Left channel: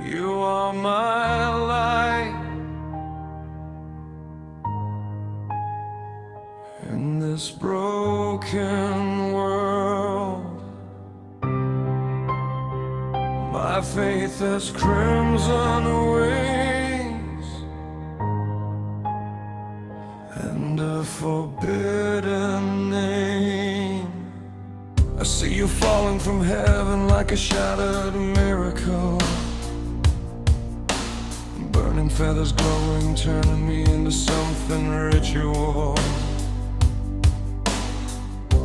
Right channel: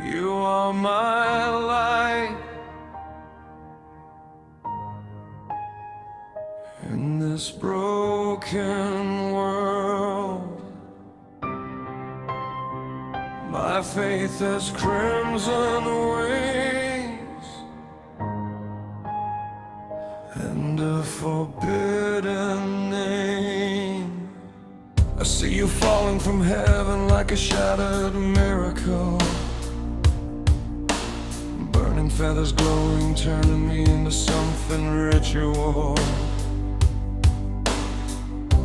You are my light in this broken world. My faith has crimson wings and a forbidden name. I see you falling from heaven like a shattered miracle. Burning feathers glowing, turning me into something ritual.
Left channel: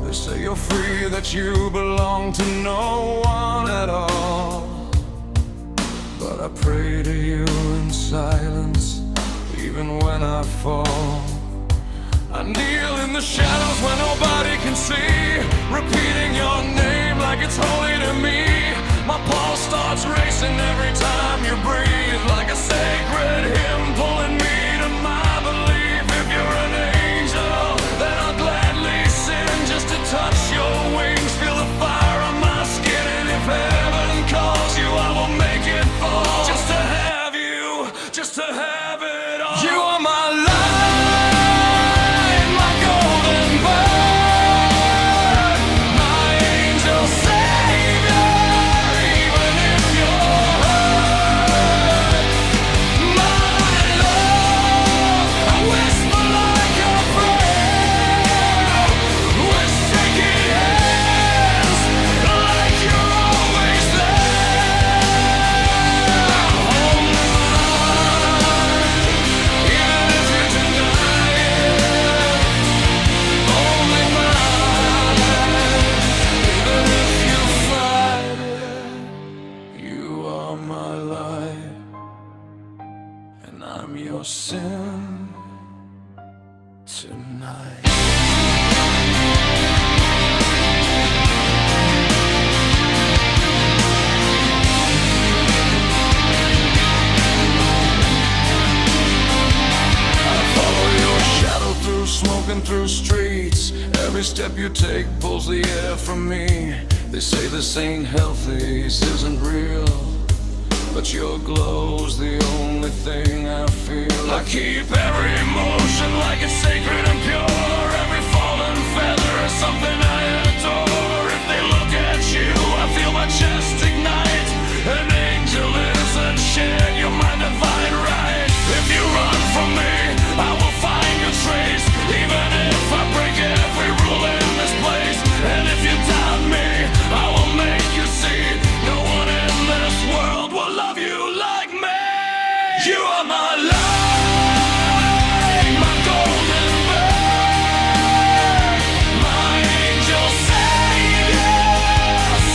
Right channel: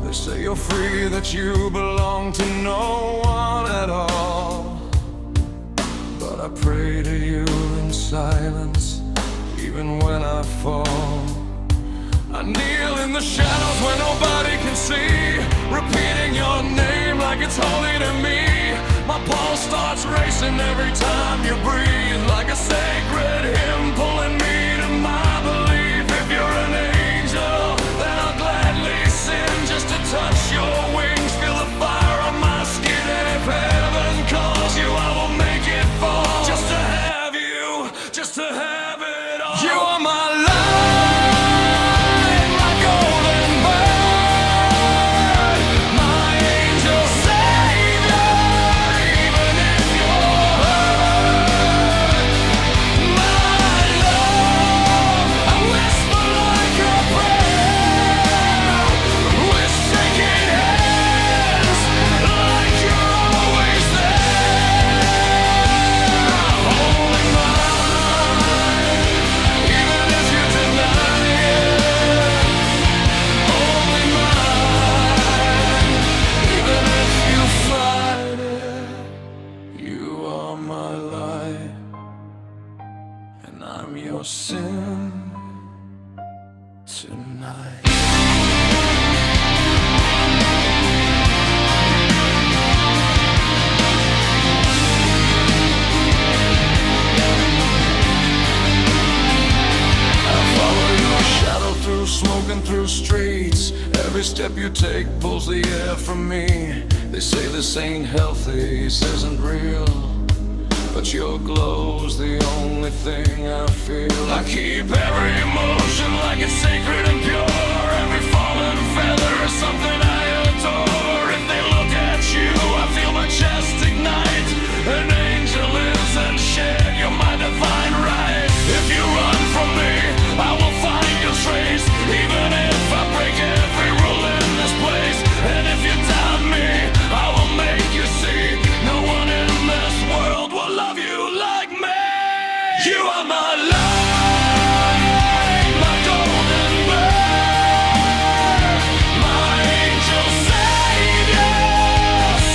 They say you're free, that you belong to no one at all. But I pray to you in silence, even when I fall. I kneel in the shadows where nobody can see, repeating your name like it's holy to me. My pulse starts racing every time you breathe, like a sacred hymn pulling me to my belief. If you're an angel, then I'll gladly sin just to touch your wings, feel the fire on my skin. And if heaven calls you, I will make it fall, just to have you, just to have it all. You are my light, my golden bird, my angel savior. Even if you're hurt, my love, I whisper like a prayer, with shaking hands, like you're always there. Only mine, even if you deny it. Only mine, even if you fight it. You are my light, and I'm your sin tonight. Follow your shadow through smoke and through streets. Every step you take pulls the air from me. They say this ain't healthy, this isn't real, but your glow's the only thing I feel. I keep every emotion like it's sacred and pure. Every fallen feather is something I adore. If they look at you, I feel my chest ignite. An angel isn't shared, you're my divine right. If you run from me, I will find your trace, even if I break every rule in this place. And if you doubt me, I will make you see no one in this world will love you like me. You are my light, my golden bird, my angel savior.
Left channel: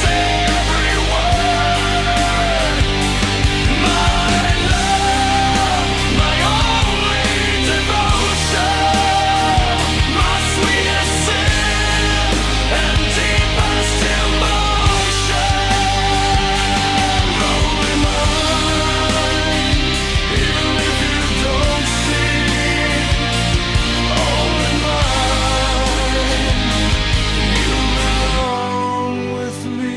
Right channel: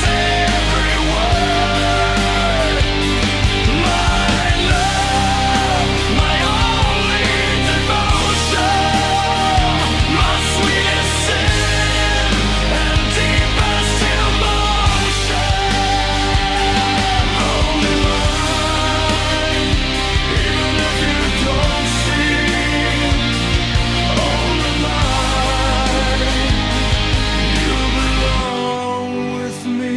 Say every word, my love, my only devotion, my sweetest sin and deepest emotion. Only mine, even if you don't see. Only mine, you belong with me.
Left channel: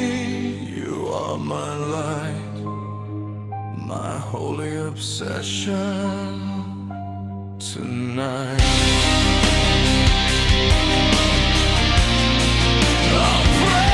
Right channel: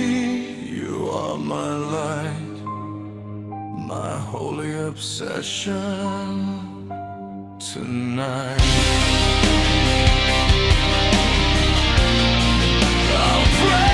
You are my light, my holy obsession tonight. I'll pray